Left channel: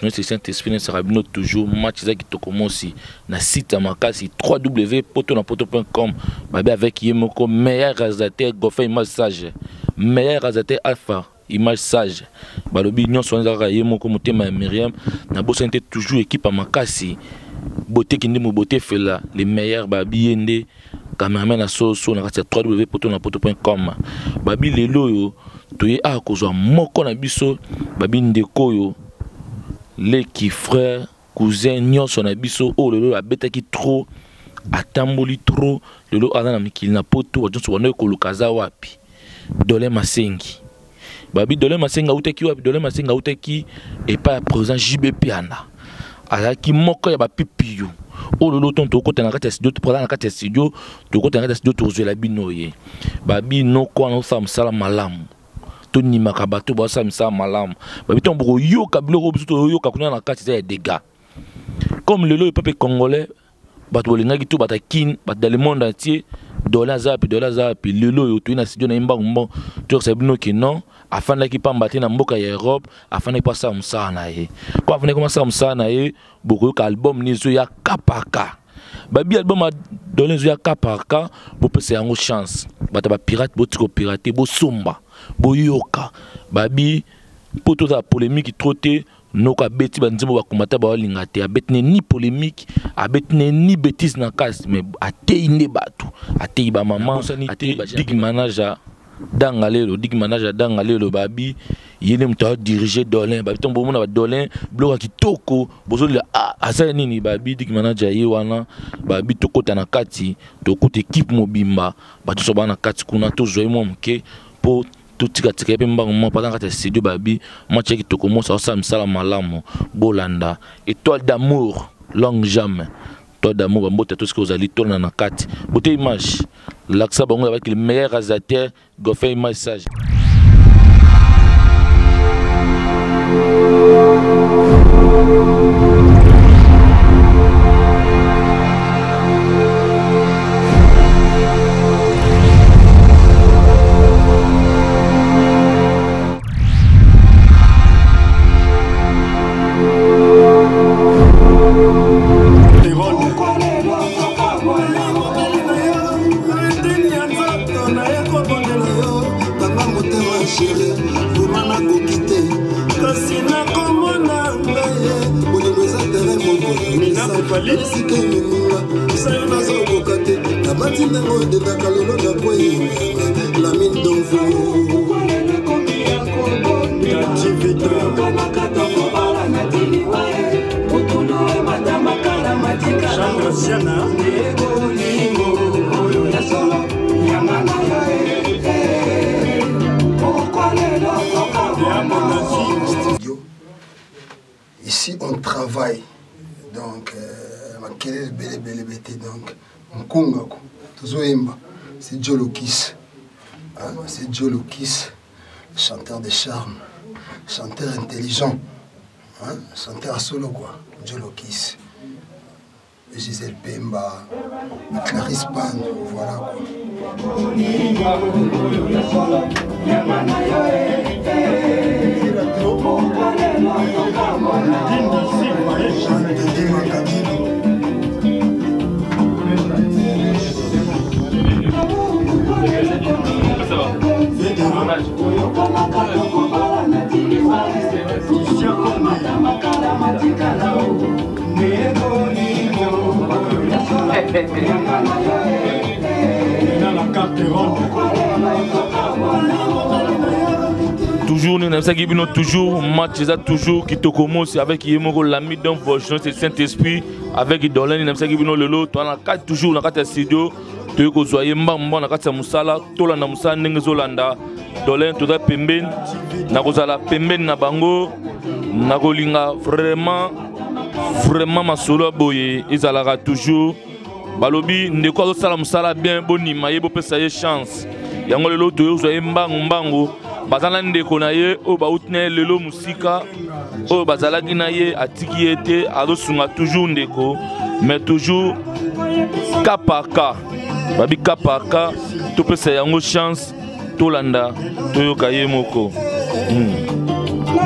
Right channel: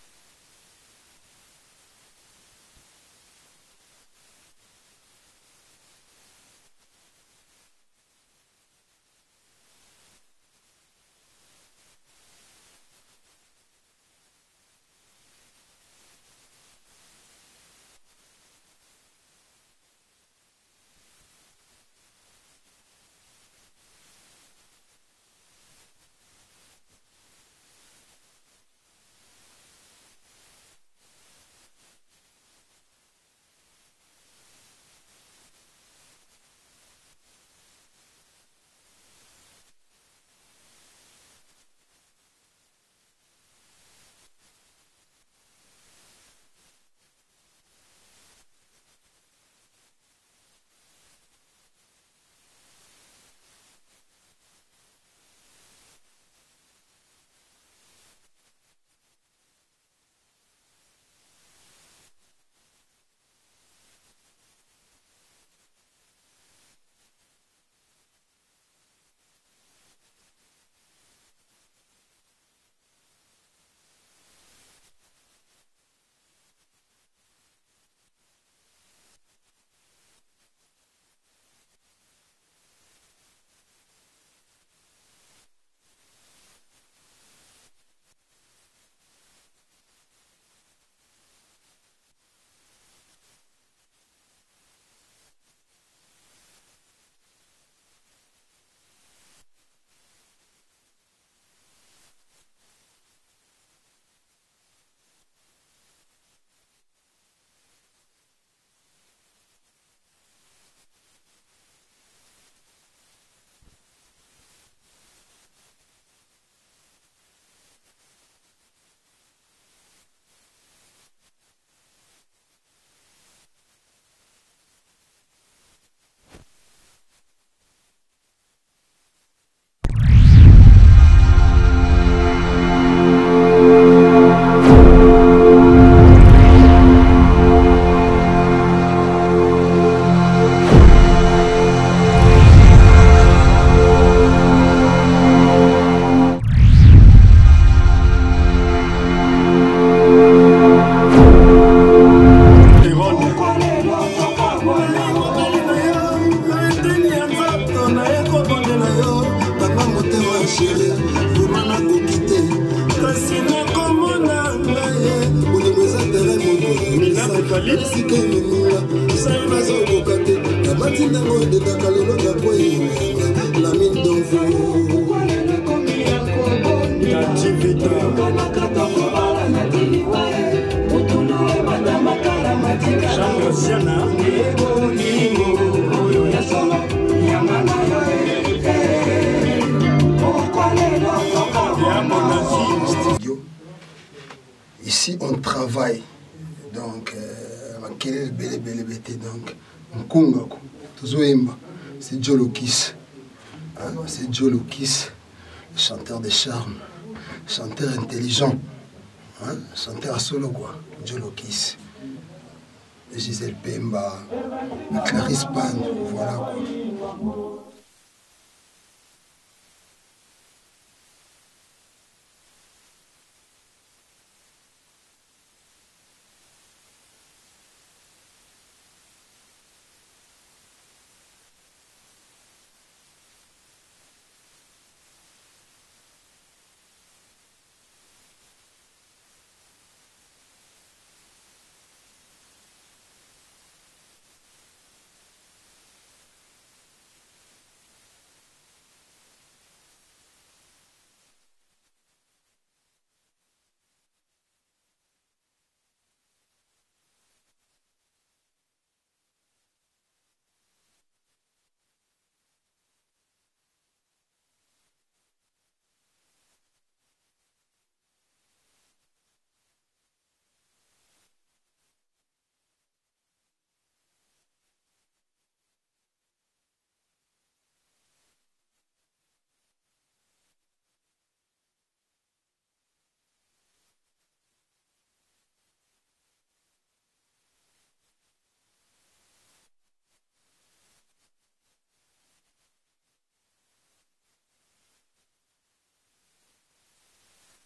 Vosges, c'est Saint-Esprit, nous serons toujours match qui commence na site Makasi www.potonapoto.com. Babi avec Yemoko, meilleur réalisateur, Goffin image sage, meilleur réalisateur Alpha, image sage. Balobi nyon soin zaka Yemoko motema Myriam, na bossa toujours équipe à Makasi. Beauté qui nous beauté fait là, les meilleurs babi yende, cameraman à soso na www.potonapoto.com. Babi lelo yo toye a kozwa moko na biso babi ndeko yo leki frère cousin nyonso na biso o lelo abetaki trop atamboli trop lelo ana na mikili na poto wajonso wana ekolukaza wapi Dole Masengi babi Dole Masengi uteki wapi Dole Masengi uteki epa présent JB Piana azaki moko ya bapipi yo o lelo ton to kota na kati studio to prendre na kati studio to kota na kati studio to zela binoye babi no ko na sa msala malamu Tony Makabato bossa misa malam babi ton boko yo kabilo biso yo kakuna na kati ya dégâts comme le peuple congolais bato bolinga ki to batakin bat dans le monde entier dollar zapi lelo yo to na studio na imba mbon to c'est bino ki non afin la ki pambate na mboka ya Europe afin na passa msa na ye ko afin comment ça msa na ye boko ka album nizo ya kapaka babi album a donné zo ya kapaka bo pese yango chance bata ba pirate bo tiko pirater bo somba boyoka babi poto za polémique troté noka beti banzimo bakomata ba linga te abetne ni polémique abetne ni bêtise na casse mais atei ne batu atei ba maman atei dig manager dangalelo babi yene mta diriger Dolin babi tombo mona ba Dolin bloka kitoko bozo la asa nini babi dig manager ye wana babi tokota na kati tokota équipe mobimba batu so bana kati kuna to zoe mo mke po tout tika tika pe mbango pendant que studio babi match qui to commence ça misala malamu bolanda étoile d'amour longue jamais étoile d'amour mbote tout ce que vous allez tourner na kati bote image l'axa bango avec le meilleur réalisateur Goffin image sage. Ici on travaille donc donc Nkunga Tozoemba c'est Jolokis c'est Jolokis chanteur de charme chanteur intelligent chanteur solo quoi Jolokis Gisèle Pemba Clarisse Pan voilà quoi. Toujours, nous avons toujours match toujours qui te commence avec Yemoko l'ami d'un Vosges, c'est le Saint-Esprit avec Dolin, nous avons le lot, toujours dans le studio, tu es soyez mbamba na kati ya musala, tola na musala ndenge zolanda, Dolin toza pembeni, na kozala pembeni na bango, na kolinga vraiment masolo boye, ezalaka toujours balobi ndeko azosala musala bien bonima ye bopesa ye chance. Yango lelo toyo soyez mbango bazala ndeko na ye o bautne lelo musika o bazalaki na ye atiki ete azosunga toujours ndeko mais toujours cas par cas babi cas par cas topesa yango chance tolanda toyoka ye moko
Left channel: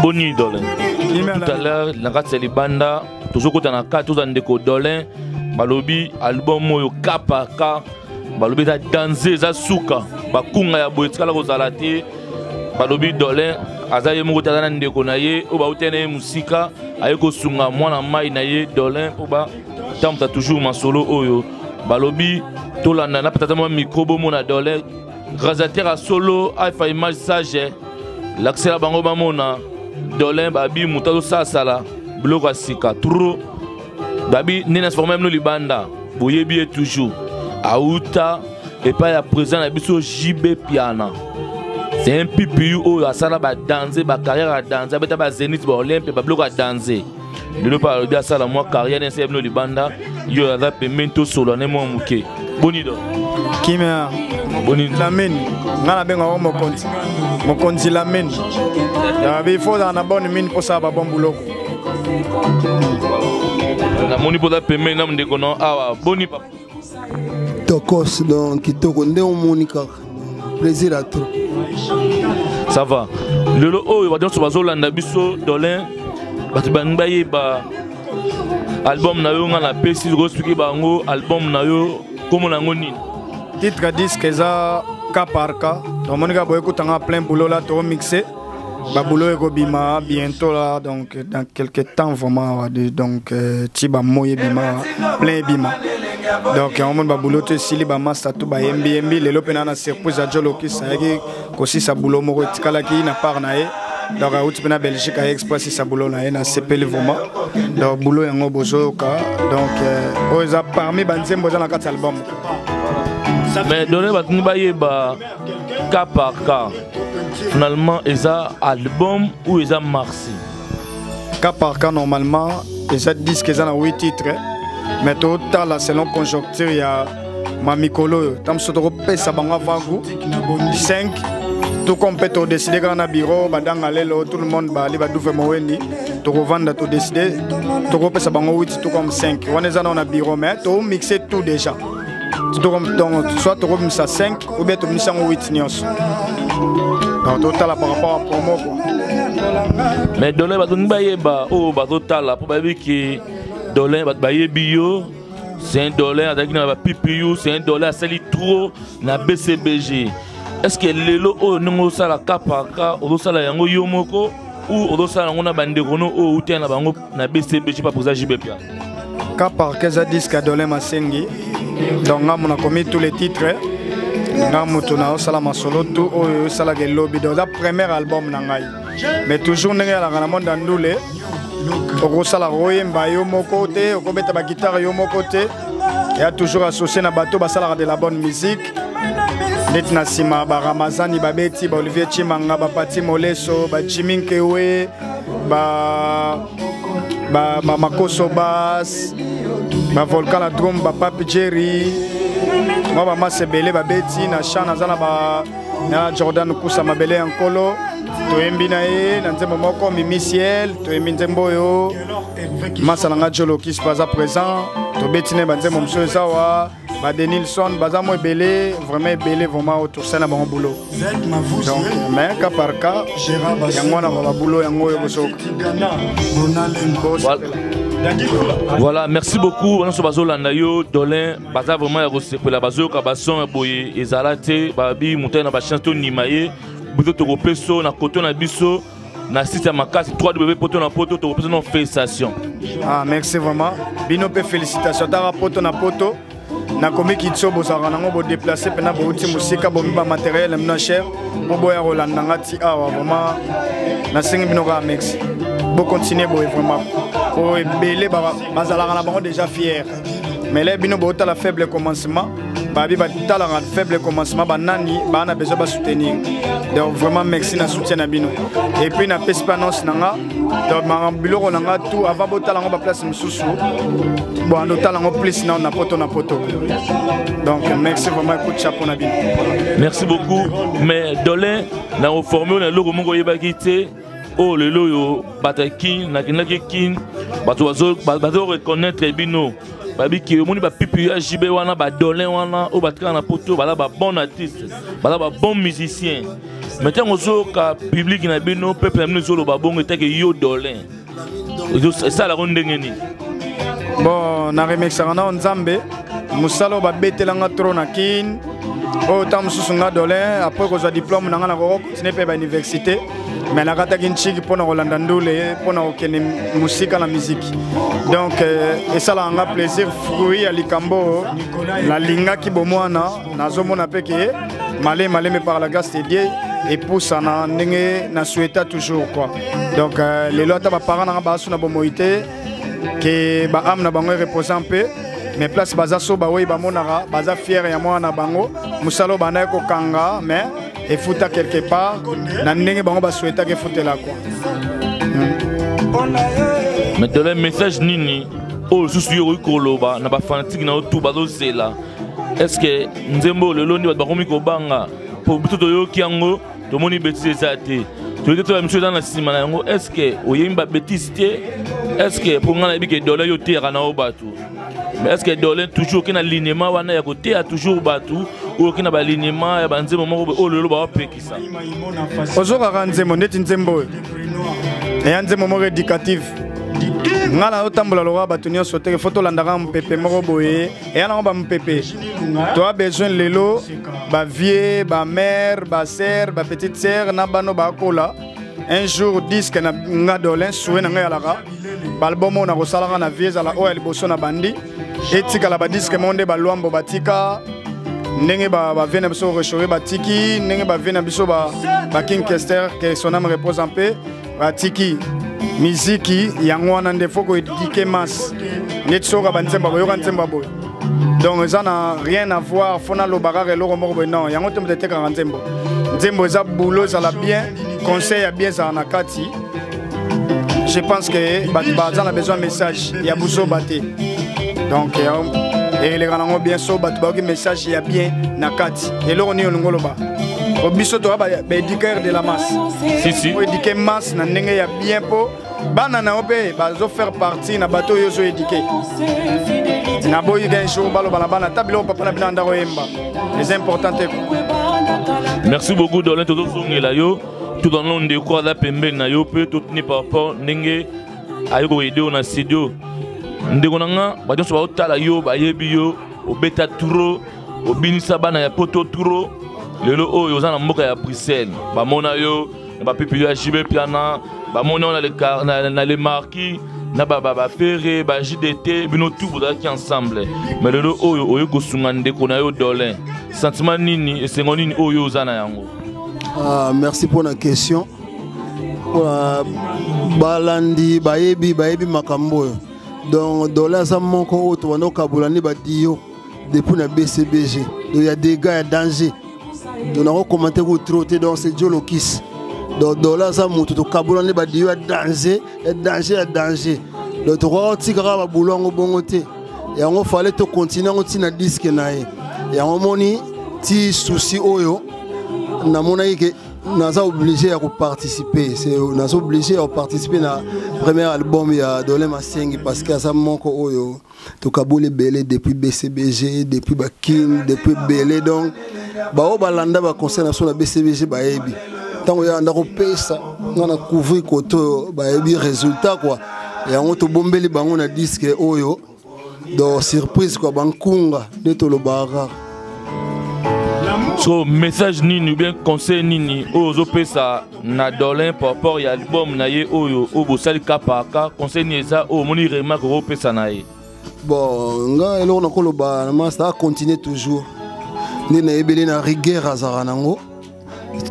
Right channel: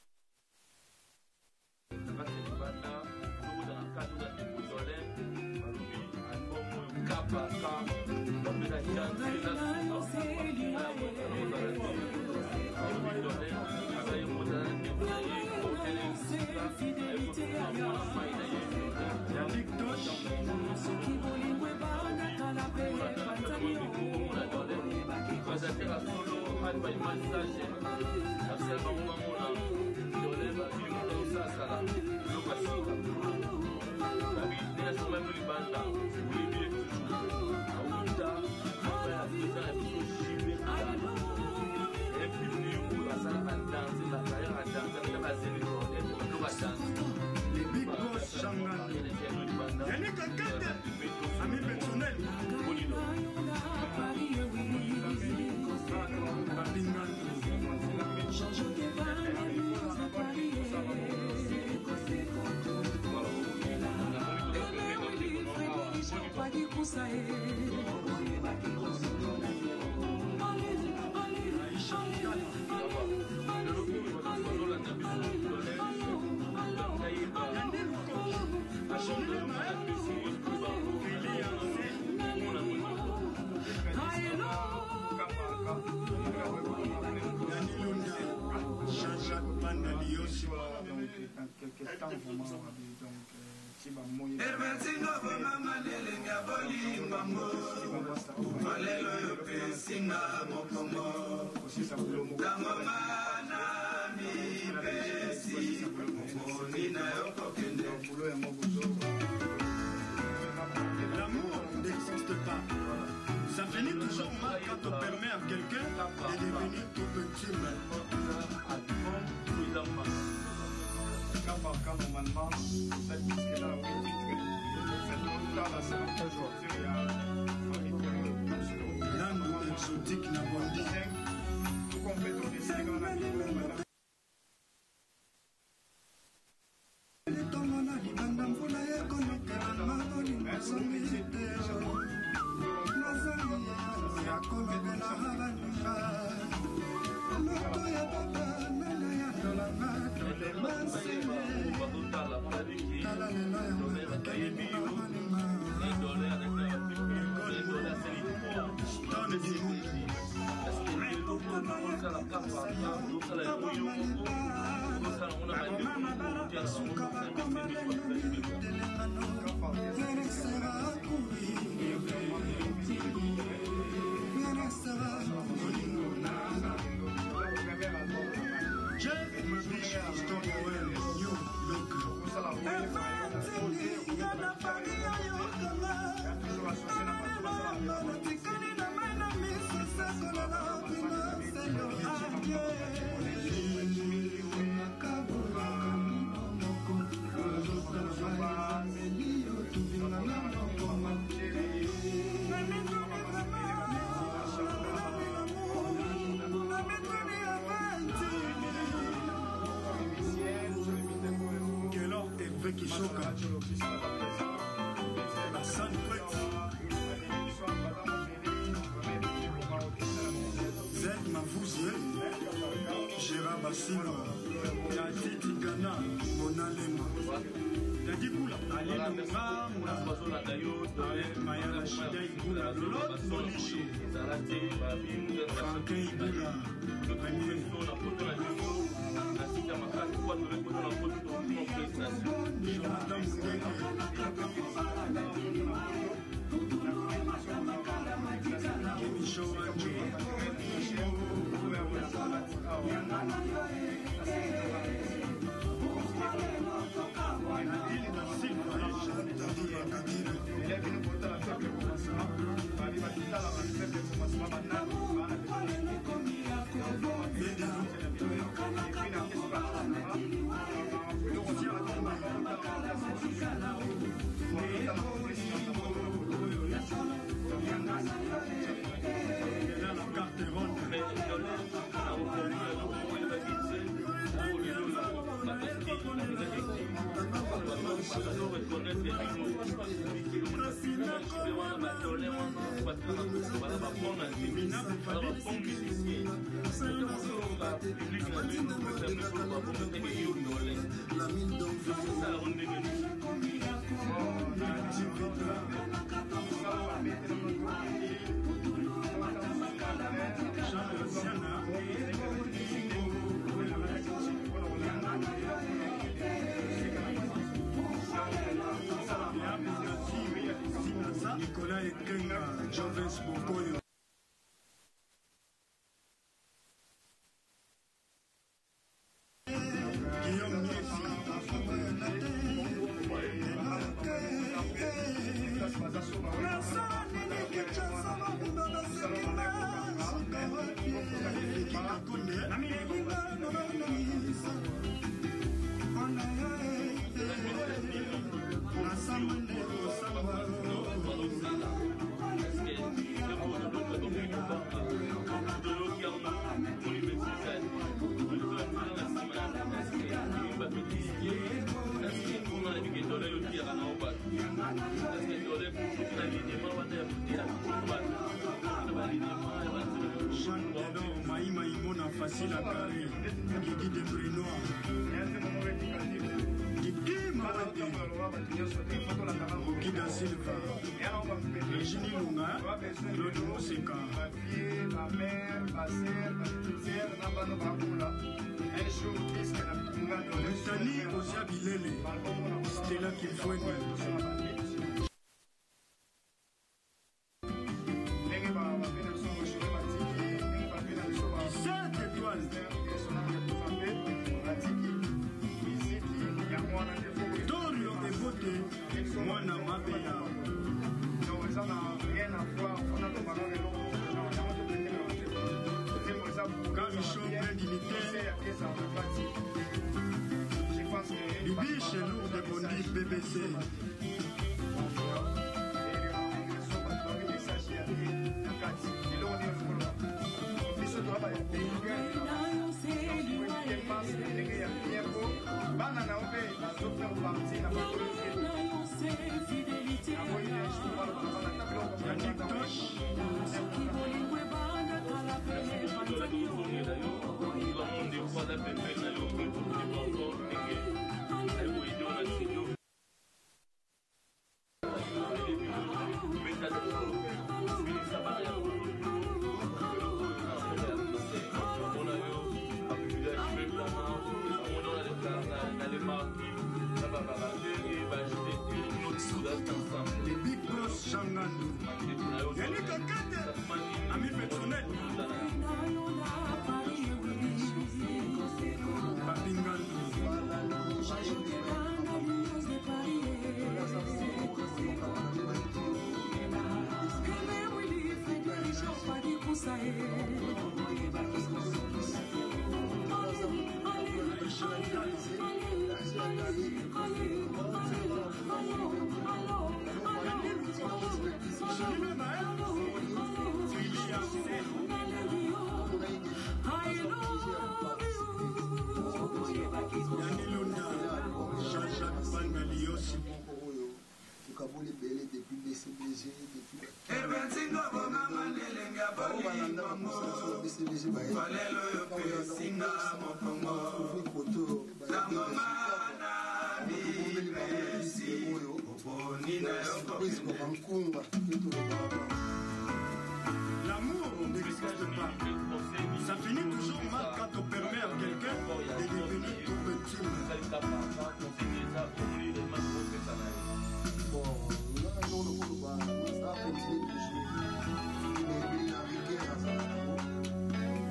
Boni Dolin. Tout à l'heure, la carte c'est les bandas. Toujours quand on a 4 ans de Dolin. Balobi album moyo kapa ka. Balobi da danser za suka. Bakunga ya boetika la kozalate. Balobi Dolin. Azaye moko tazana ndeko na ye. Oba utene musika. Ayeko sunga mwana mai na ye Dolin. Oba tamta toujours masolo oyo. Balobi tolanda na peut-être moi micro bomo na Dolin. Réalisateur à solo alpha image sage. L'accès à bango bamona. Dolin babi mutalo sasala. Bloc sika trop. Babi nena formé nous libanda. Boyebi toujours. Aouta et pas à présent na biso JB Piana. C'est un pipi où la salle va danser, ma carrière à danser, ba Zénith ba Olympe ba bloc à danser. Ne le pas dire ça la moi carrière dans ces libanda. Yo la pemento solo ne mo muke. Bonido. Kimia. Bonido. La mine. Ngana benga mo konti. Mo konti la mine. Ya bi faut dans la bonne mine pour ça ba bon boulot. Na moni pour la pemento na ndeko no awa boni papa. Tokos donc kitoko nde omonika. Plaisir à tout. Ça va. Le oh il va dire sur bazolanda biso Dolin. Batu banbaye ba album na yo ngana pesi go expliquer bango album na yo comme na ngoni. Titre disque za cas par cas. Donc monika boye kutanga plein boulot là to mixer. Ba boulot eko bima bientôt là donc dans quelques temps vraiment donc tiba moye bima plein bima. Donc on va boulot te sili ba master tout ba MB les lopena na surprise à Joloki ça yaki kosi sa boulot moko tikala ki na par na e. Donc à Outpena Belgique a expressé sa boulot na e na CPL vraiment. Donc boulot yango bozo ka donc oza parmi banzembo dans la 4 album. Mais Dolin va tuni ba yeba cas par cas. Finalement eza album ou eza marsi. Cas par cas normalement eza disque eza na 8 titres. Mais total selon conjoncture il y a mamikolo tam sotoro pesa banga vangu 5 tout compétent décider quand on a bureau badanga lelo tout le monde ba li ba douve mowendi to revendre to décider to pesa bango 8 tout comme 5 on est on a bureau mais to mixer tout déjà tout comme donc soit to mixer 5 ou bien to mixer 8 nios donc total par rapport à promo quoi. Mais Dolin va tuni ba yeba oh ba total pour ba ki Dolin va bio, c'est un dollar avec un PPU, c'est un dollar sali trop na BCBG. Est-ce que lelo o non ça la kapaka o ça la yango yomoko ou o ça la ngona bande kono o utia na bango na BCBG pas pour ça JB Piana. Kapaka za disque Dolin Masengi. Donc on a commis tous les titres. Ngamutuna o sala masolo tout o sala ke lobby dans la premier album na ngai. Mais toujours ndenge la monde ndule. Au sala royemba yo moko te o beta ba guitare yo moko te il y a toujours associé na bateau ba sala de la bonne musique net na sima ba Ramazani ba beti ba Olivier Chimanga ba Pati Moleso ba Chiminkewe ba Makoso Bass ba Volcan la drum ba Papi Jerry moi ba Masebele ba beti na chana zana ba na Jordan Kusa mabele ankolo to embina e na nzembo moko Mimi Ciel to eminzembo yo masalanga Joloki pas à présent to betine banzembo mso zawa ba Denilson bazamo ebele vraiment autour ça na bon boulot donc mais cas par cas yango na ba boulot yango yo bosoka. Voilà, merci beaucoup. On se base là yo Dolin, baza vraiment ya recevoir la base ka bason boye ezalate babi monter na ba chanson nimaye. Buto to peso na koto na biso na site ya makasi 3W poto na poto to peso na félicitations. Ah merci vraiment. Bino pe félicitations ta poto na poto. Na komi kitso bozara nango bo déplacer pena bo uti musika bo miba matériel mna cher. Bo boya rolanda ngati awa vraiment na singi bino ka merci. Bo continuer bo vraiment. Oh belé bazala na bango déjà fier. Mais là bino bo ta la faible commencement. Babi ba ta la faible commencement ba nani ba na besoin ba soutenir. Donc vraiment merci na soutien na bino. Et puis na perspannance nanga donc ma biloko nanga tout avant bo ta la ba place msusu. Bon ando ta la plus na poto na poto. Donc merci vraiment coup de chapeau na bino. Merci beaucoup. Mais Dolin na formé na logo mongo yeba kité. Oh le loyo batakin na kinaki kin bato reconnaître bino babi ki omoni ba pipi ya jibe wana ba dolin wana o batika na poto bala ba bon artiste bala ba bon musicien maintenant ozo ka public na bino peuple na bino zo lo ba bongo teke yo dolin ça la ronde ngeni bon na remixaka na nzambe musalo ba betelanga tro na kin o tam susunga dolin après ko za diplôme na nga na ko continuer pe ba université mais na kata kinchiki pona kolanda ndule pona okene musika na musique donc et ça la nga plaisir fruit ya likambo la linga ki bomwana nazomona peke malé mais par la grâce de Dieu et pour ça na ndenge na souhaita toujours quoi donc les lois ta ba parents na ba suna bomoité que ba am na bango reposant peu mais place baza so ba oui ba monara baza fier ya mwana bango musalo bana ko kanga mais et fouta quelque part na ndenge bango ba souhaita que foutela quoi mais dans le message nini o susu yo koloba na ba fanatique na tout bazo zela est-ce que nzembo le londi ba komi ko banga pour tout yo kiango to moni bêtise zate to te to monsieur dans la sima na yango est-ce que oyemba bêtise est-ce que pour ngana bi ke dollar yo tera na obatu mais est-ce que dollar toujours kina alignement wana ya côté a toujours batu ou kina ba alignement ya banze momo o lelo ba pekisa ozoka kanzemo ndeti nzembo e ya nzemo mo éducatif ngala otambola lowa batu nyonso te photo landaka mpepe moko boye e yana ba mpepe tu as besoin lelo ba vie ba mère ba sœur ba petite sœur na bano ba kola un jour disque na nga dolin soué na nga yalaka balbomo na kosalaka na vie zala oya liboso na bandi etika la ba disque monde ba lwambo batika ndenge ba vena biso rechauffé batiki ndenge ba vena biso ba King Kester que son âme repose en paix batiki miziki yango wana nde faut ko éduquer masse netsoka banzemba boyoka nzemba boy donc ça n'a rien à voir fona lo bagare lo moko non yango te mtete ka nzembo nzembo za boulot ça la bien conseil à bien ça na kati je pense que baza na besoin message ya buso baté donc et les grands bien so bat ba message ya bien na kati et lo ni ngolo ba au biso to ba éduquer de la masse si pour éduquer masse na ndenge ya bien po bana na ope bazo faire partie na bateau yo so éduquer na boyi ga jour balo bana tabilo papa na bina ndako yemba les importants. Merci beaucoup Dolin todo zongela yo tout dans l'onde de quoi la pembe na yo peut tout ni par rapport ndenge ayoko aider na studio ndeko nanga ba jonso ba otala yo ba yebi yo obeta turo obinisa bana ya poto turo lelo oyo za na mboka ya Bruxelles ba mona yo ba pipi ya jibe piana ba mona na les marquis na ba ferré ba JDT bino tout boda qui ensemble mais lelo oyo ko sunga ndeko na yo Dolin sentiment nini et sengo nini oyo za na yango. Merci pour la question. Balandi bayebi makambo donc Dolin za moko oto wana kabulani ba dio depuis na BCBG il y a des gars danger donc on a commenté ko trotter donc c'est Jolo Kiss donc Dolin za moto to kabulani ba dio danger donc to ko tikara ba bulongo bongo te et on fallait to continuer on tina disque na ye et on moni ti souci oyo na mona yike naza obligé à participer c'est naza obligé à participer na premier album ya Dolin Masengi parce que ça moko oyo to kabule belé depuis BCBG depuis ba King depuis belé donc ba o balanda ba concert na so na BCBG ba yebi tango ya ndako pesa ngana couvrir koto ba yebi résultat quoi et on to bombeli bango na disque oyo do surprise quoi bankunga de to lo bara. So message nini ou bien conseil nini ozo pesa na Dolin par rapport à album na ye oyo obo sali kapaka conseil ni ça o moni remarque o pesa na ye bon nga elo na koloba na master continuer toujours ni na ebele na rigueur azara nango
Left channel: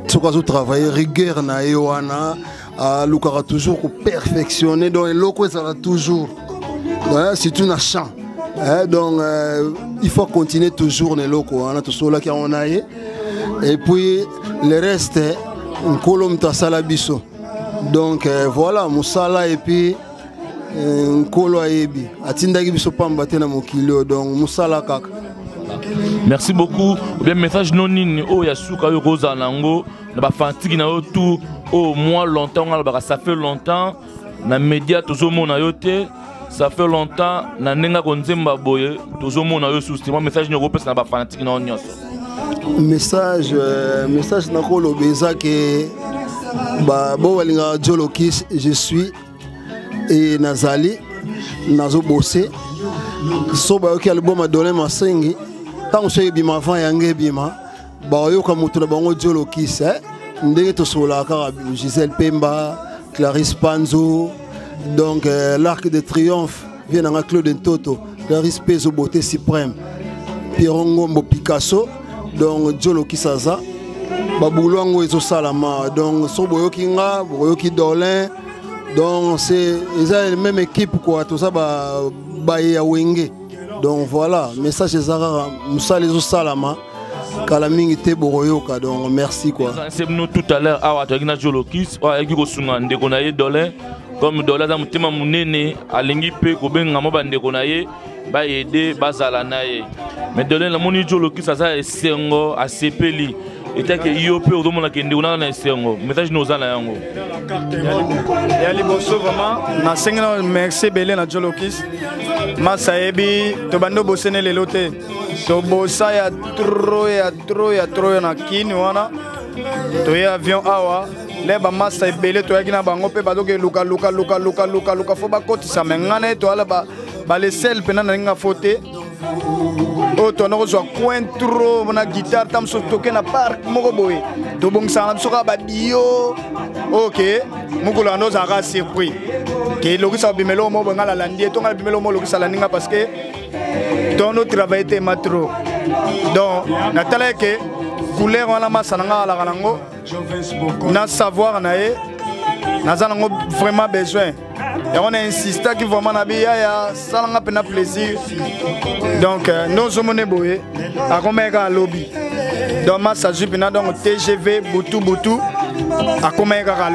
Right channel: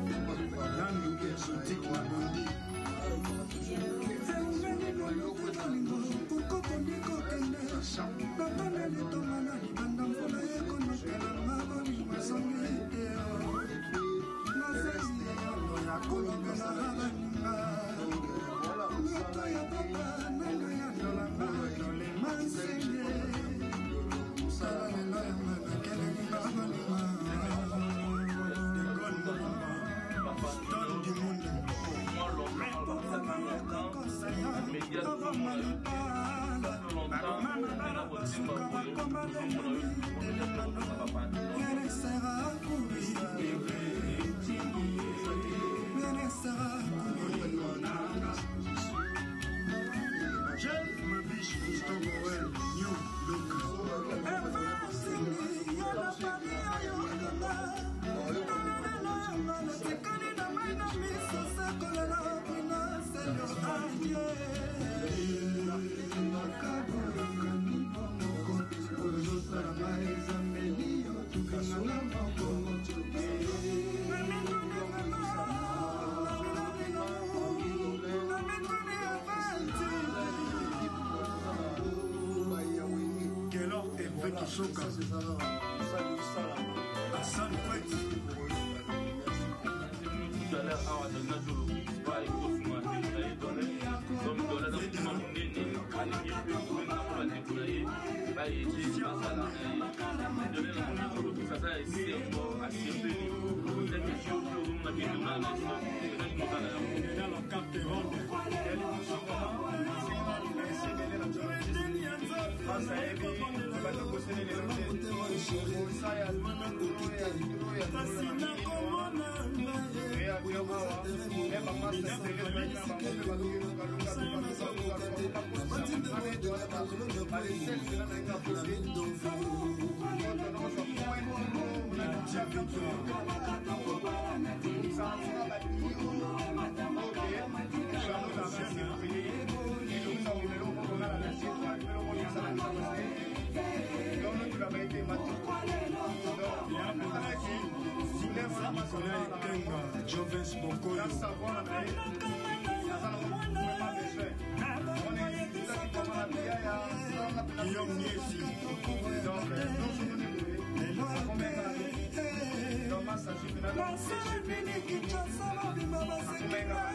soka zo travailler rigueur na ye wana a lukara toujours ko perfectionner donc eloko ça toujours c'est une chant. Donc il faut continuer toujours les locaux on a tout cela qui on a et puis le reste un colom ta salabiso donc voilà musala et puis un colo ayebi atinda ki biso pamba tena mokilo donc musala kaka. Merci beaucoup. Bien message non nini o ya suka yo roza nango na ba fantiki na yo tout au moins longtemps ça fait longtemps na média toujours mona yo te ça fait longtemps na nenga konzemba boye toujours mona yo sous moi message ne repose na ba fanatique na onion message na ko lo beza que ba bo walinga Jolokis je suis et nazali nazo bosser so ba yoki album a donné ma sengi tant so bima fa yange bima ba yo ka mutu na bango Jolokis ndenge to sola ka Gisèle Pemba Clarisse Panzo donc l'Arc de Triomphe vient dans Claude Ntoto Clarisse Pezo beauté suprême Pierre Ngombo Picasso donc Jolokis Saza Baboulango et Salama donc so boyoki nga boyoki Dolin donc c'est la même équipe quoi tout ça ba ya wenge donc voilà message ezara musala ezo salama kala mingi te boroyoka donc merci quoi c'est nous tout à l'heure awa to gina Jolokis wa eki ko sunga ndeko na ye Dolin comme Dolin za mutima munene alingi pe ko benga mo bandeko na ye ba aider bazala na ye mais Dolin la moni Jolokis ça esengo asepeli et que yo peut au monde qui ndeko na esengo message nous za na yango ya liboso vraiment na sengena merci belé na Jolokis masaebi to bando bosene lelo te to bosa ya trop na kini wana to ya avion awa leba masa belé to yakina bango pe badoke luka fo ba kotisa mengana to ala ba le sel pena na nga fote o to na zo coin trop na guitare tam so toke na park moko boye to bongsa na so ka ba dio OK mukula no za ka surpris ke lokisa bimelo mo ngala landie to ngala bimelo mo lokisa landinga parce que dans notre travail était matro donc natala ke couleur wana masananga ala kalango na savoir na e nazanango vraiment besoin et on a insisté que vraiment na biya ya salanga pena plaisir donc nos hommes boye a komeka lobby donc massage pena donc TGV butu a komeka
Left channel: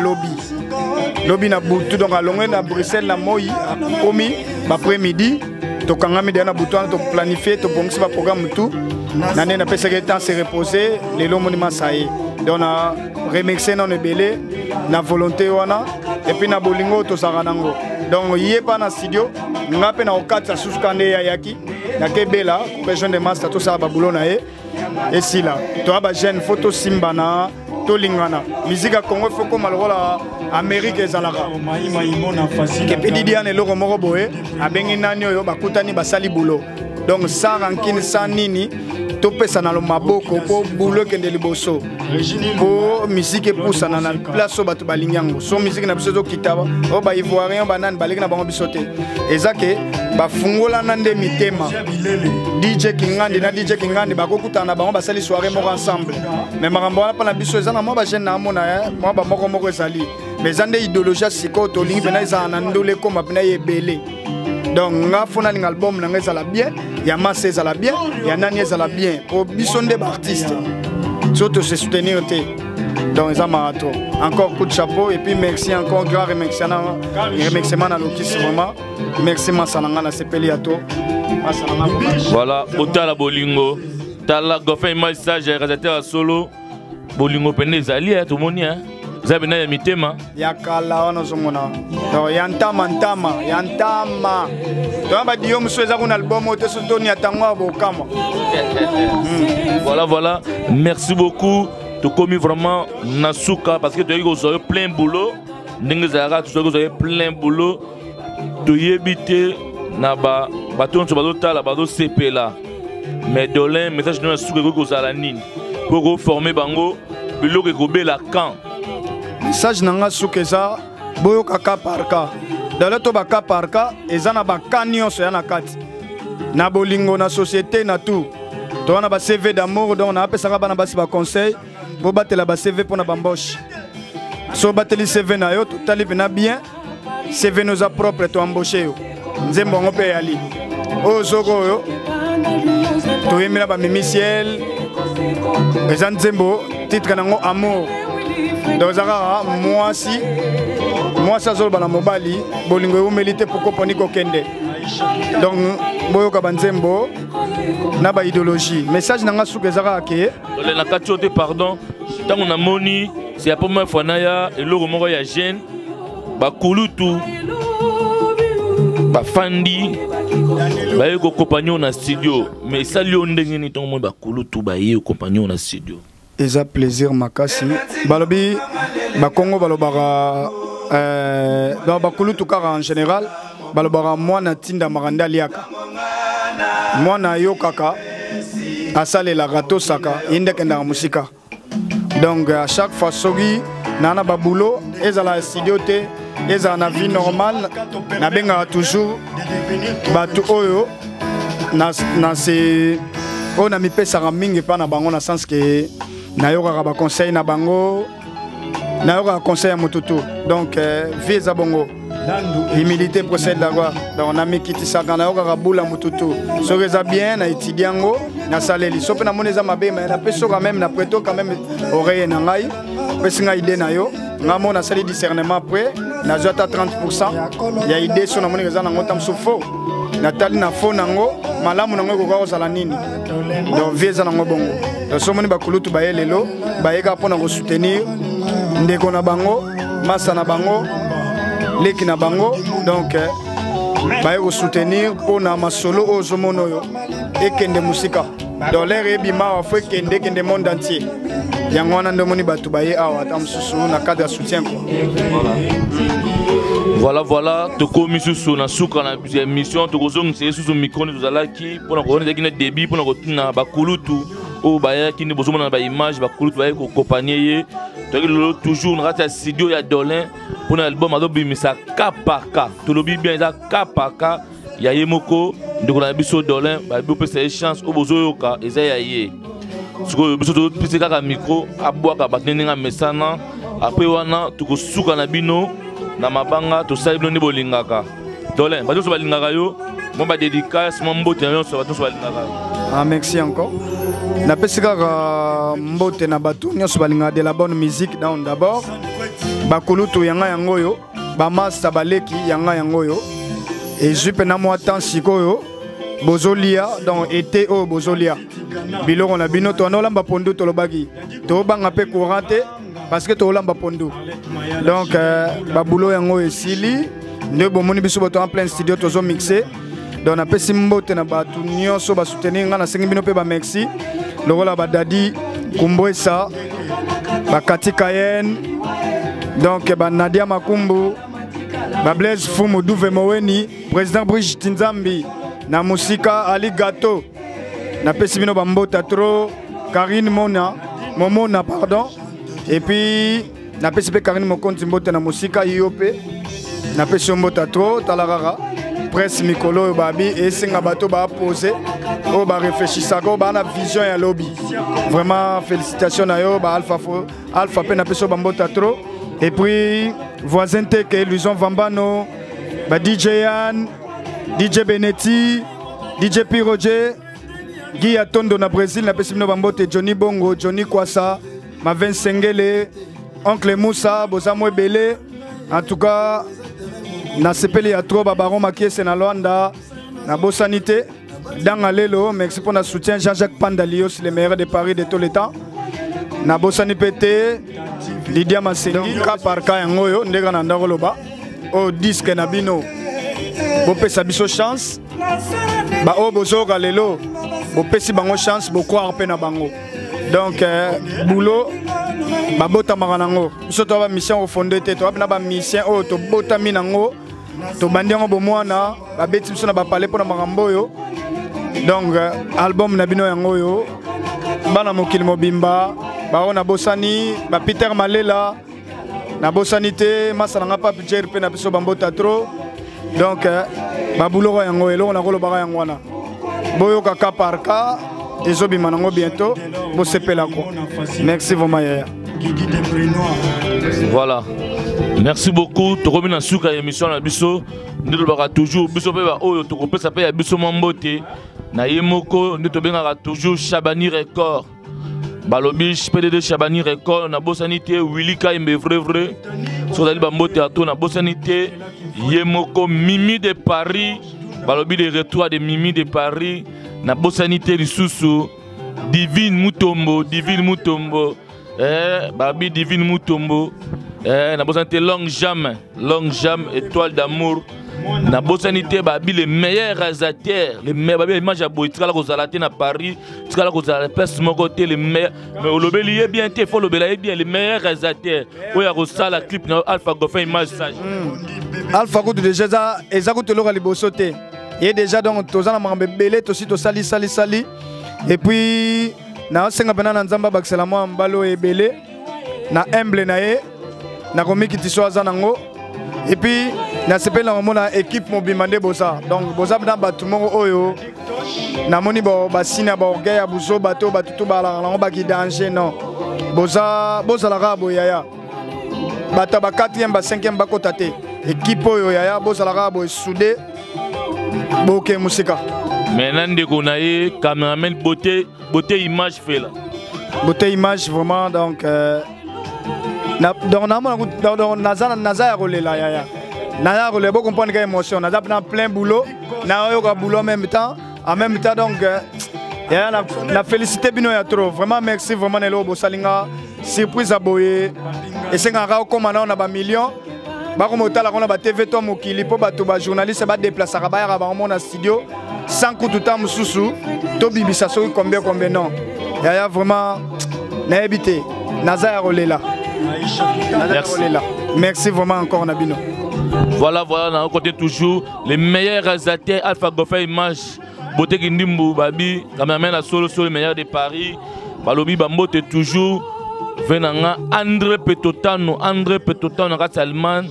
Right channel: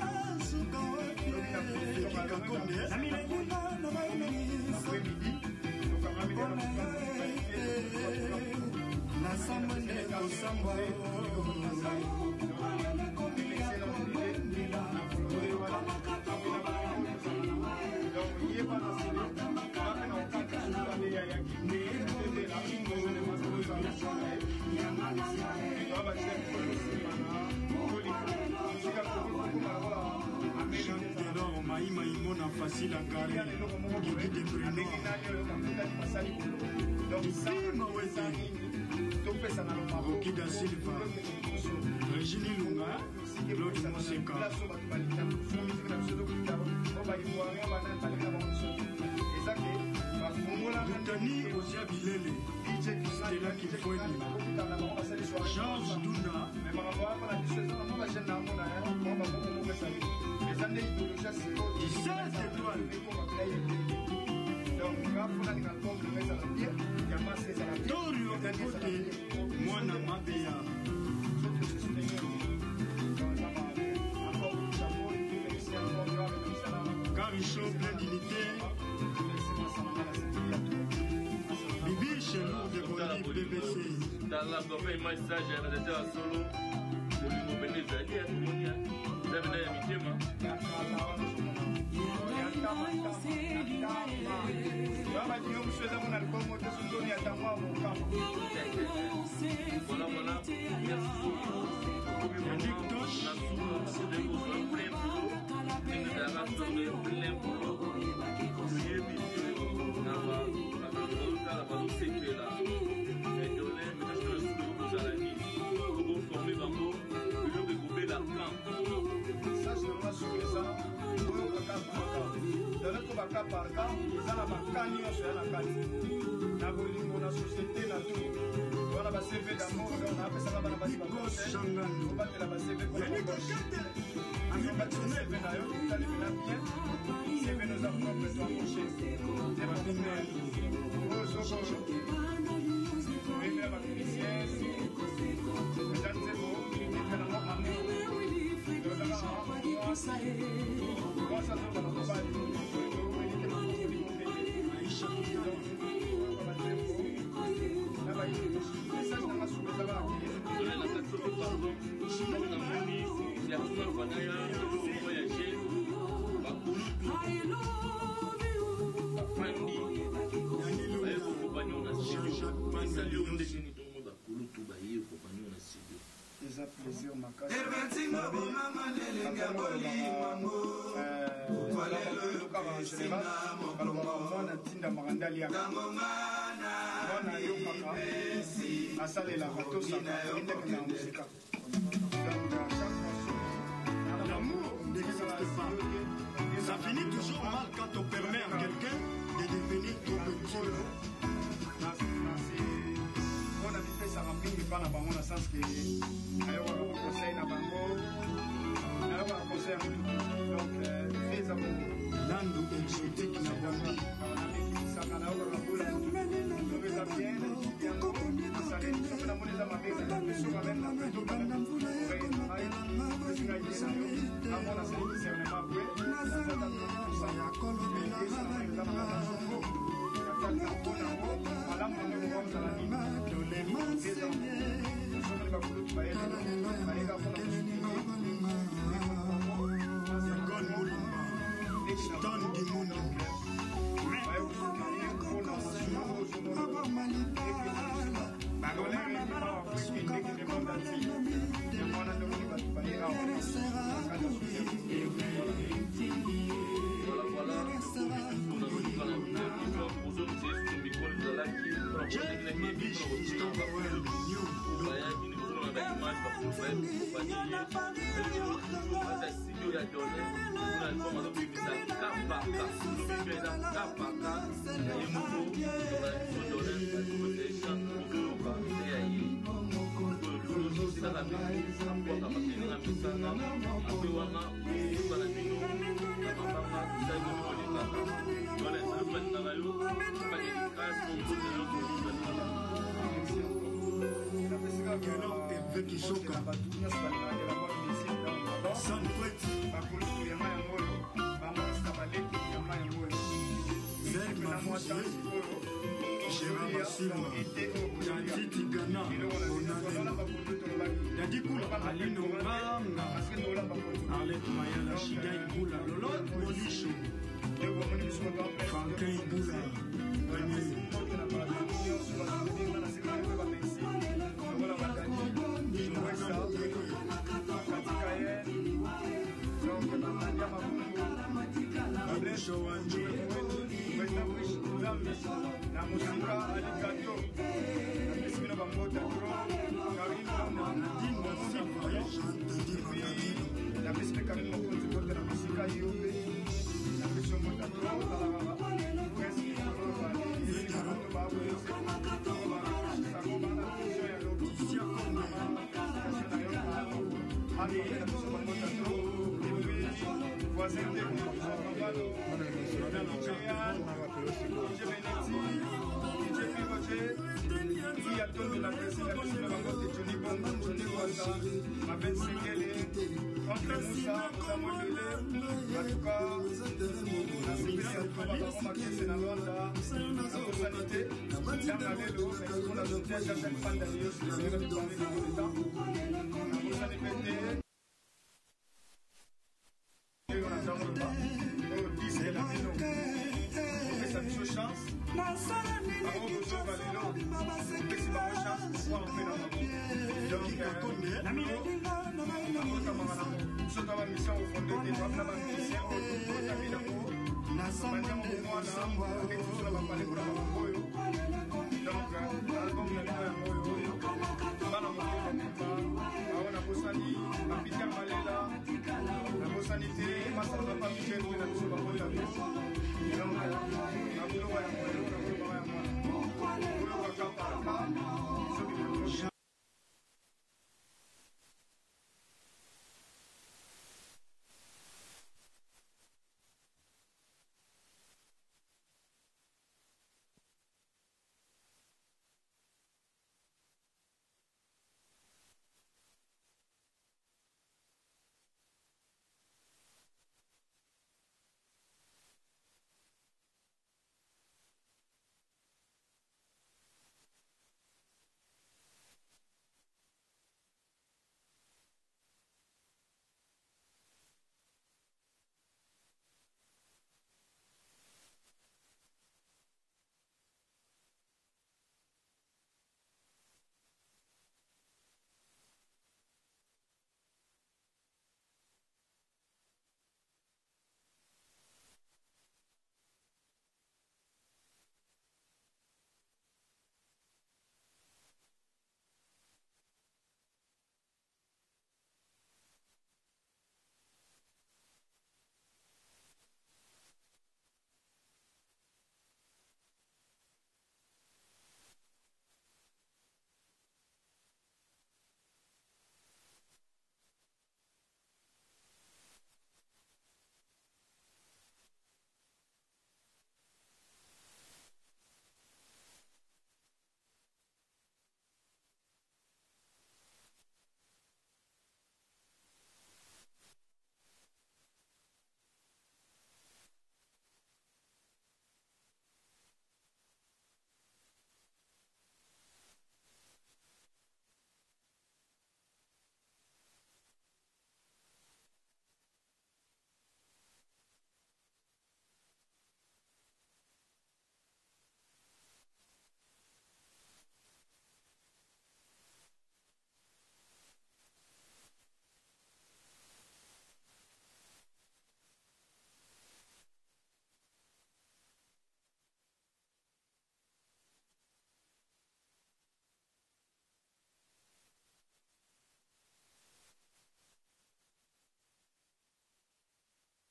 lobby na butu donc alongwe na Bruxelles na moi komi ba après-midi to kanga midi na butu to planifier to bongsi ba programme tout nane na pesa que temps se reposer les monument ça y donc na remixer non belé na volonté wana et puis na bolingo to saranango donc yé pas na studio ngape na okatsa suskande ya yaki na kebela besoin de master to ça ba boulona et si là to ba jeune photo simbana to lingana musique à Congo faut comme la Amérique ezalaka ke pedidi ane loko moko boye abengi nani oyo bakutani basali boulot donc ça rankine ça nini to pesa na lo maboko po boulot kende liboso po musique poussa na place so batu balinyango so musique na biso to kitaba o ba ivoirien banane baleki na bango bisote ezake bafungola na nde mitema DJ Kingandi bakokutana na bango basali soirée moko ensemble mais makambo wana pa na biso ezana mo ba jeune na mona mo ba moko ezali mais ande idéologie siko to lingi bena ezana ndole koma bena yebele donc nga fona ning album na ngeza la bien ya masse ezala bien ya nani ezala bien po biso nde ba artiste surtout se soutenir te donc ça marathon encore coup de chapeau et puis merci encore grand remerciement na Lokis vraiment merci masananga na sepeli ato voilà otala bolingo tala gofin message réalisateur solo bolingo pene ezali to moni zabina ya mitema ya kala wana zomona donc yantama donc ba dio msweza kuna album ote sotoni atango abokama voilà merci beaucoup to commis vraiment nasuka parce que tu as plein boulot ndenge zara tu as plein boulot to yebite na ba baton to bazotala bazo sepela mais Dolin message na suka ko zala nini pour former bango biloko ko bela camp message nanga sukeza boyo kaka parka dala to baka parka ezana bakanyo so yana kati na bolingo na société na tout to na ba CV d'amour donc na apesa bana basi ba conseil bo batela ba CV pour na bamboche so bateli CV na yo totali bina bien CV nous a propre to embaucher yo nzembo ngope yali o zoko yo to yemela ba mimiciel ezan nzembo titre nango amour donc zaka moi ça zolo bana mobali bolingo yo melite poko poni ko kende donc boyo ka banzembo na ba idéologie message nanga suke zaka ke le na katiote pardon tango na moni c'est la première fois na ya eloko moko ya jeune ba kulutu bafandi baye ko compagnon na studio mais ça lui on ndenge ni ton mo ba kulutu baye compagnon na studio eza plaisir makasi balobi ba Congo balobara ba kulutu kaka en général balobara mwana tinda maranda liaka mwana yo kaka asale la rato saka inde kenda musika donc à chaque fois sogi nana ba boulot ezala studio te ezala na vie normale na benga toujours batu oyo na se on a mi pesa mingi pa na bango na sens que na yoka ba conseil na bango na yoka conseil à motutu donc vie za bongo humilité procède là-bas donc on a mis kiti saka na yoka bula motutu so reza bien na étudiango na saleli so pe na moneza mabe mais na peso quand même na preto quand même oreille na ngai pesinga idée na yo ngamo na sali discernement après na jota 30% ya idée so na moni reza na ngota msufo natali na fo nango malamu nango ko ko sala nini donc vieza nango bongo donc so moni bakulutu bayelelo bayeka pona ko soutenir ndeko na bango masa na bango leki na bango donc baye ko soutenir pona masolo ozo monoyo ekende musika dans l'air ebima wa fo kende monde entier yango wana ndo moni batu baye awa tamsusu na cadre de soutien voilà tokomi susu na suka na émission tokozongisa susu micro tozalaki mpona koonezaki na débit mpona kotina bakulutu oyo bayaki nde bozomona na baimage bakulutu baye kokompanie ye toyaki lelo toujours na kati ya studio ya Dolin mpona album azobimisa kapaka tolobi bien eza kapaka ya ye moko ndeko na biso Dolin bayebi opesa ye chance oyo bozoyoka eza ya ye sikoyo biso topesi kaka micro abwaka bato ndenge amesana apres wana tokosuka na bino na mabanga tosali bino nde bolingaka Dolin bato nyonso balingaka yo mo badédicace mo mbote na nyonso bato nyonso balingaka yo. Merci encore napesi kaka mbote na bato nyonso balingaka de la bonne musique donc d'abord bakulutu yanga yango oyo bamasta baleki yanga yango oyo ezwi mpe na mwa temps sikoyo bozolia donc été oyo bozolia biloko na bino to olamba pondu tolobaki tobanga mpe courant te parce que tolamba pondu donc babulo yango esili nde bomoni biso bato en plein studio tozo mixer donc napesi mbote na bato nyonso basoutenir nga nasengi bino mpe bamerci lokola badadi kumbwesa bakati kayen donc banadia makumbu bablaise fumu duve moweni président Brigitte Nzambi na musika Ali Gato napesi bino bambota tro Karine Momona pardon et puis napesi pe Karine Mokonzi mbote na musika yope napesi mbota tro talarara presse mikolo babi esenga bato ba poser o ba réfléchissa ko ba na vision ya lobby vraiment félicitations na yo ba alpha pe napesi bambota tro et puis voisin teke Luison Vambano ba DJ Yann DJ Benetti, DJ P. Roger, Guy Atondo na Brésil, na Pessimino Bambote, Johnny Bongo, Johnny Kwasa, Maven Sengele, Oncle Moussa, Bozamo Ebele. En tout cas, na sepeli ya trop Baron Makiese na Luanda, na Bossanité, dans Alelo, merci pour notre soutien, Jean-Jacques Pandalios, le meilleur de Paris de tous les temps. Na Bossani Pété, Lydia Massengi, ka par ka yangoyo, ndega na ndangoloba, au disque na bino. Bopesa biso chance ba o bozoka lelo bopesi bango chance bokroire pe na bango donc boulot babota maranango biso to ba mission au fondé te to ba mission o to bota minango to bandiango bomwana ba beti biso na ba parler pona makambo yo donc album na bino yango yo bana mokili mobimba ba ona bosani ba Peter Malela na bosanité masala nga pa budget pe na biso bambota trop. Donc, babulo yango elo na kolo baga yango wana. Boyo kaka par cas, ezobi manango bientôt, bo sepela ko. Merci vraiment yaya. Voilà. Merci beaucoup. To remis na suka émission na biso, ndelo baka toujours biso pe ba oyo to kopesa pe ya biso mambote. Na yemoko ndito bengaka toujours Chabani Record. Balobi PDD Chabani Record na bosanité Willy Kaimbe vrai. So dali bambote ato na bosanité Yemoko Mimi de Paris, balobi de retour de Mimi de Paris, na bosanité Lisusu, Divine Mutombo, babi Divine Mutombo, na bosanité Long Jam, Étoile d'amour, na bosanité babi les meilleurs réalisateurs, les meilleurs babi image à boy tikala ko zala na Paris, tikala ko zala place mon côté les meilleurs mais au lobeli bien té faut lobela bien les meilleurs réalisateurs. Oya ko sala clip na Alpha Goffin image sage. Alpha ko déjà ça ezako te loka libosoté. Et déjà donc tozana mambe belé aussi to sali et puis na senga bana na nzamba bakisela mwa mbalo ebele na humble na ye na komiki tiso azanango et puis na sepela mona équipe mobimande bosa donc bosa bana batumo oyo na moni bo basina ba orgueil ya buso bato batutu bala ngo baki danger non bosa la rabo yaya bata ba 4e ba 5e ba kotate équipe oyo yaya bosa la rabo soudé boke musika. Maintenant, on a cameraman beauté image fait là. Beauté image vraiment donc dans Naza rolé là ya. Naza rolé beaucoup comprendre quelle émotion. Naza plein boulot. Na yo boulot en même temps donc la félicité bino ya trop. Vraiment merci vraiment Nelo Bosalinga surprise à boyer et c'est un rare comme on a ba millions. Comme on a TV Tom Okili pour les journalistes se déplacer à la studio sans coup de temps sous to bibisa so combien non il y a vraiment n'habité Naza rolé là. Merci vraiment encore Nabino. Voilà on côté toujours les meilleurs réalisateurs Alpha Goffin image Beauté Kindimbu babi cameraman la solo les meilleurs de Paris balobi bambote toujours venanga André Petotano na Salman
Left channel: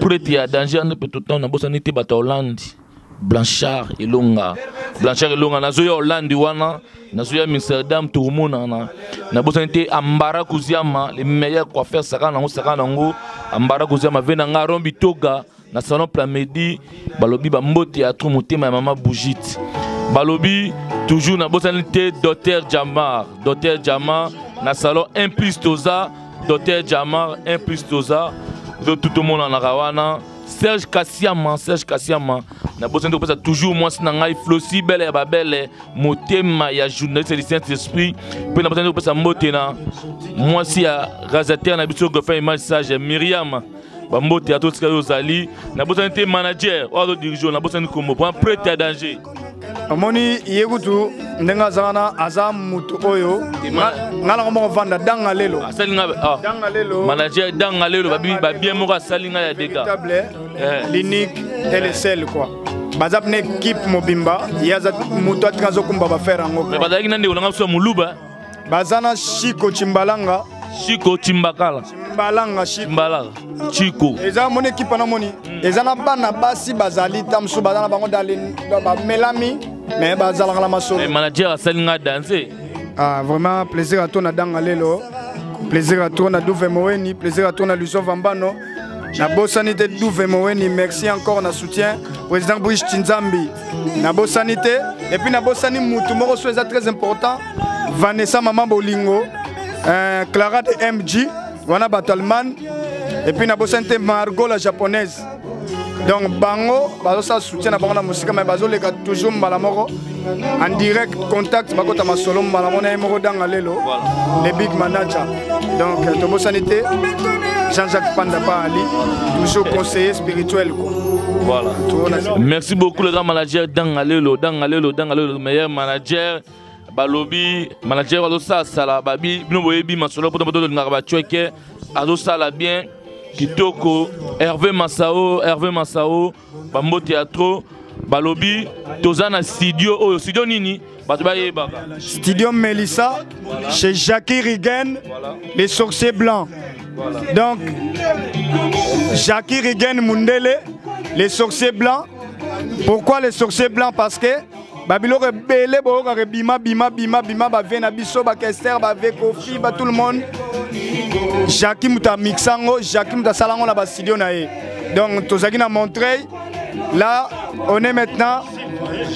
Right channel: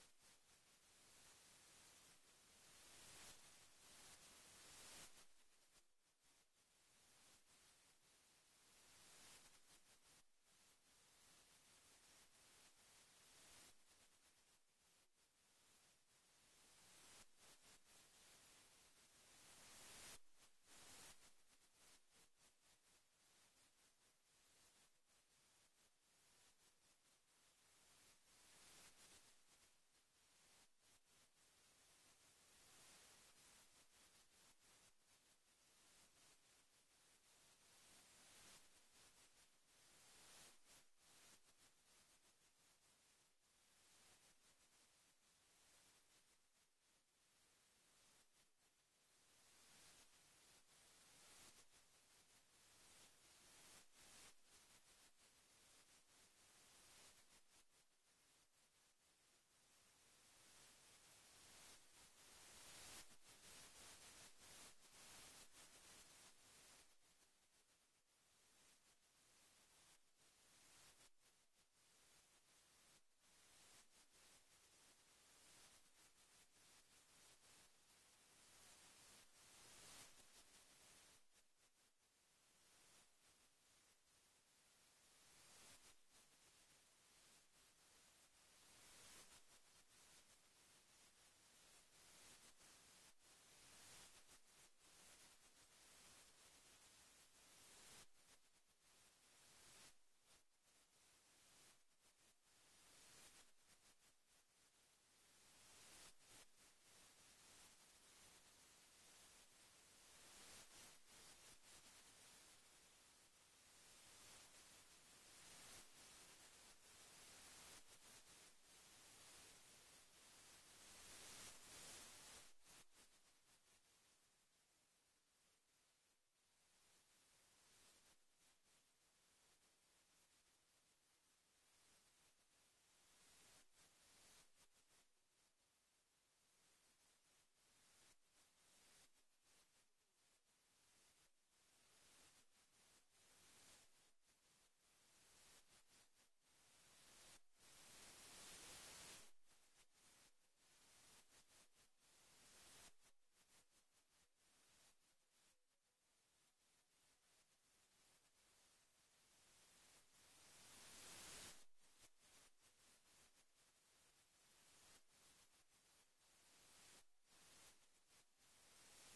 prêt à danger André Petotano na bosanité bata Hollande Blanchard Elonga na zoya Hollande wana na zoya Amsterdam Tourmona na bosanité Ambara Kuziama les meilleurs coiffeurs sakana ngo Ambara Kuziama venanga Rombi Toga na salon Plamedi balobi bambote ya trop motema ya mama Bougite balobi toujours na bosanité Dr Jamar na salon 1+ Toza Dr Jamar 1+ Toza de tout le monde en Arawana Serge Kassiama na bosanité ko toujours moi na ngai Flossi belle ya babele motema ya journaliste de Saint-Esprit pe na bosanité ko motena moi si ya réalisateur na biso Goffin image sage Myriam bambote ya toska yozali na bosanité manager ou dirigeant na bosanité comme point prêt à danger. Amoni yegutu ndenga zana azam mutu oyo ngala ngo vanda danga lelo manager danga lelo ba bien mo salinga ya dega l'unique et le seul quoi bazap ne équipe mobimba yaza mutu atkazo kumba ba faire ngo mais bazaki nande olanga so muluba bazana Chico Chimbalanga Chico Chimbakala Chico eza mon équipe na moni eza na bana basi bazali tamsu bazana bango dalin ba melami mais bazala la maso le manager asalinga danser vraiment plaisir à toi na danga lelo plaisir à toi na Douve Moweni plaisir à toi na Luso Vambano na bosanité Douve Moweni merci encore na soutien président Brice Tinzambi na bosanité et puis na bosani mutu moko so très important Vanessa Maman Bolingo Clara de MG, Wana Batalman, et puis Nabosante Margot la japonaise. Donc Bango, Bazosa soutient à la musique, mais Bazo les gars toujours Malamoro en direct contact, Bakota Masolo Malamona et Moro Dangalelo, les big managers. Donc Tobo Sanité, Jean-Jacques Pandapa Ali, toujours conseiller spirituel. Voilà. Merci beaucoup le grand manager Dangalelo, le meilleur manager. Balobi manager alosa sala babi bino boyebi masolo poto poto ngaba chweke alosa bien kitoko Hervé Massao bambo théâtre balobi tozana studio nini bato bayeba studio Melissa chez Jackie Rigen les sorciers blancs donc Jackie Rigen Mundele les sorciers blancs pourquoi les sorciers blancs parce que Babilo rebelle boka bima ba vena biso ba Kester ba Kofi ba tout le monde Jackie muta mixango Jackie muta salango na ba studio na ye donc tozaki na Montreuil là on est maintenant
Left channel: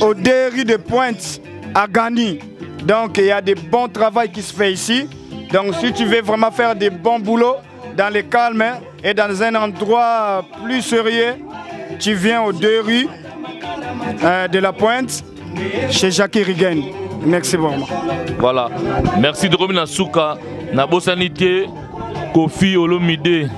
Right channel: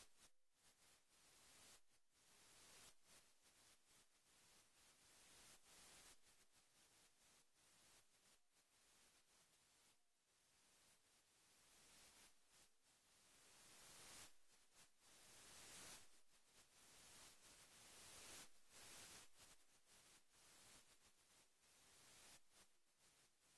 au 2 rue de Pointe à Gani donc il y a des bons travail qui se fait ici donc si tu veux vraiment faire des bons boulots dans le calme et dans un endroit plus sérieux tu viens aux 2 rues de la Pointe chez Jackie Rigen. Merci vraiment. Voilà. Merci de revenir à Souka. Na bosanité Kofi Olomide.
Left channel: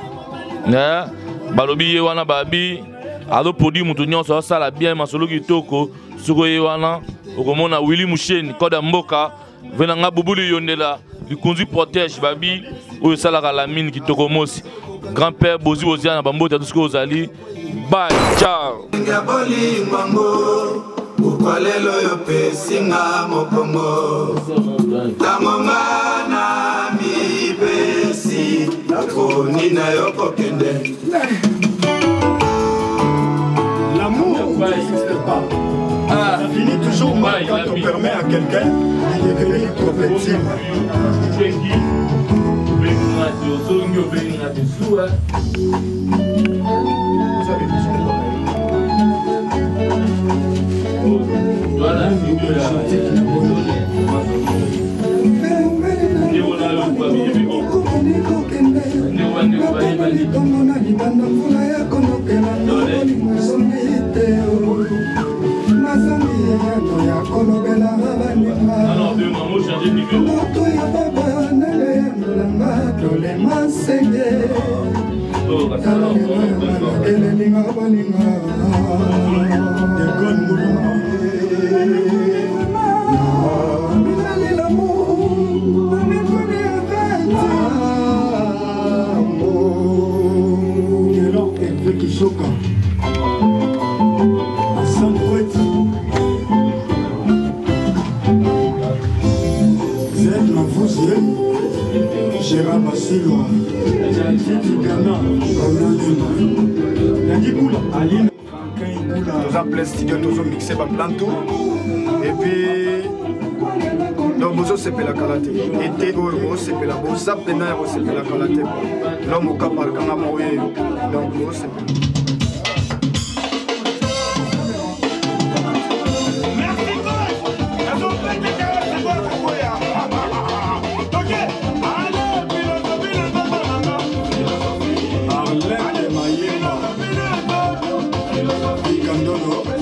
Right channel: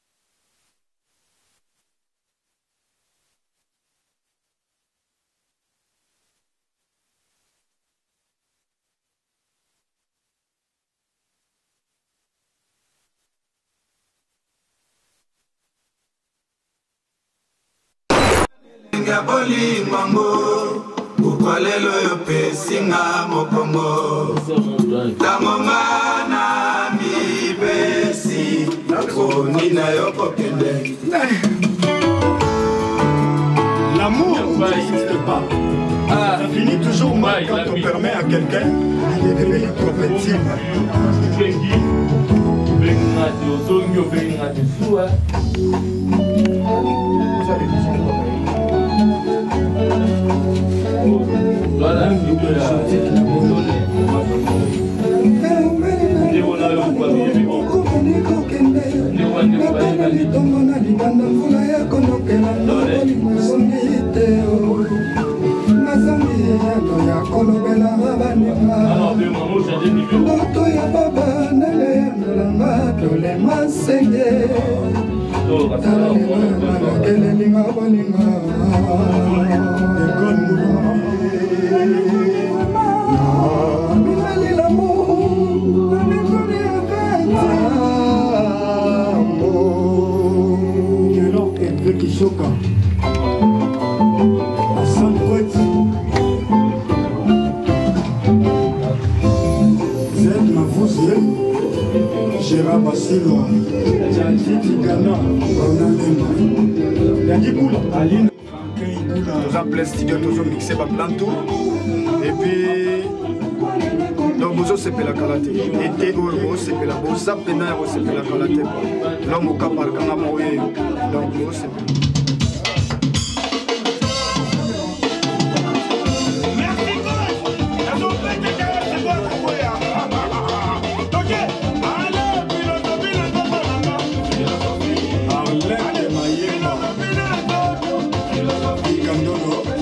Balobi Yewana Babi. alo produit mutu nyonso asala bien masolo kitoko soko ye wana okomona Willy Musheni koda mboka venanga bubuli yondela likunzi protège babi oyo salaka la mine kitoko mosi grand-père Bozi Oziana bambota tout ce que ozali bye ciao ngaboli mango ukwalelo yo pesinga mokongo tangonga na mibesi nakoni na yo kokende. L'amour n'existe pas. Ça finit toujours mal quand on permet à quelqu'un de devenir trop intime. Nous avons plein studio, nous avons mixé par plein tout. Et puis, donc nous avons la qualité. Et nous avons fait la bosse, nous avons fait la qualité. L'homme au cap par le canard, donc nous avons Candolo.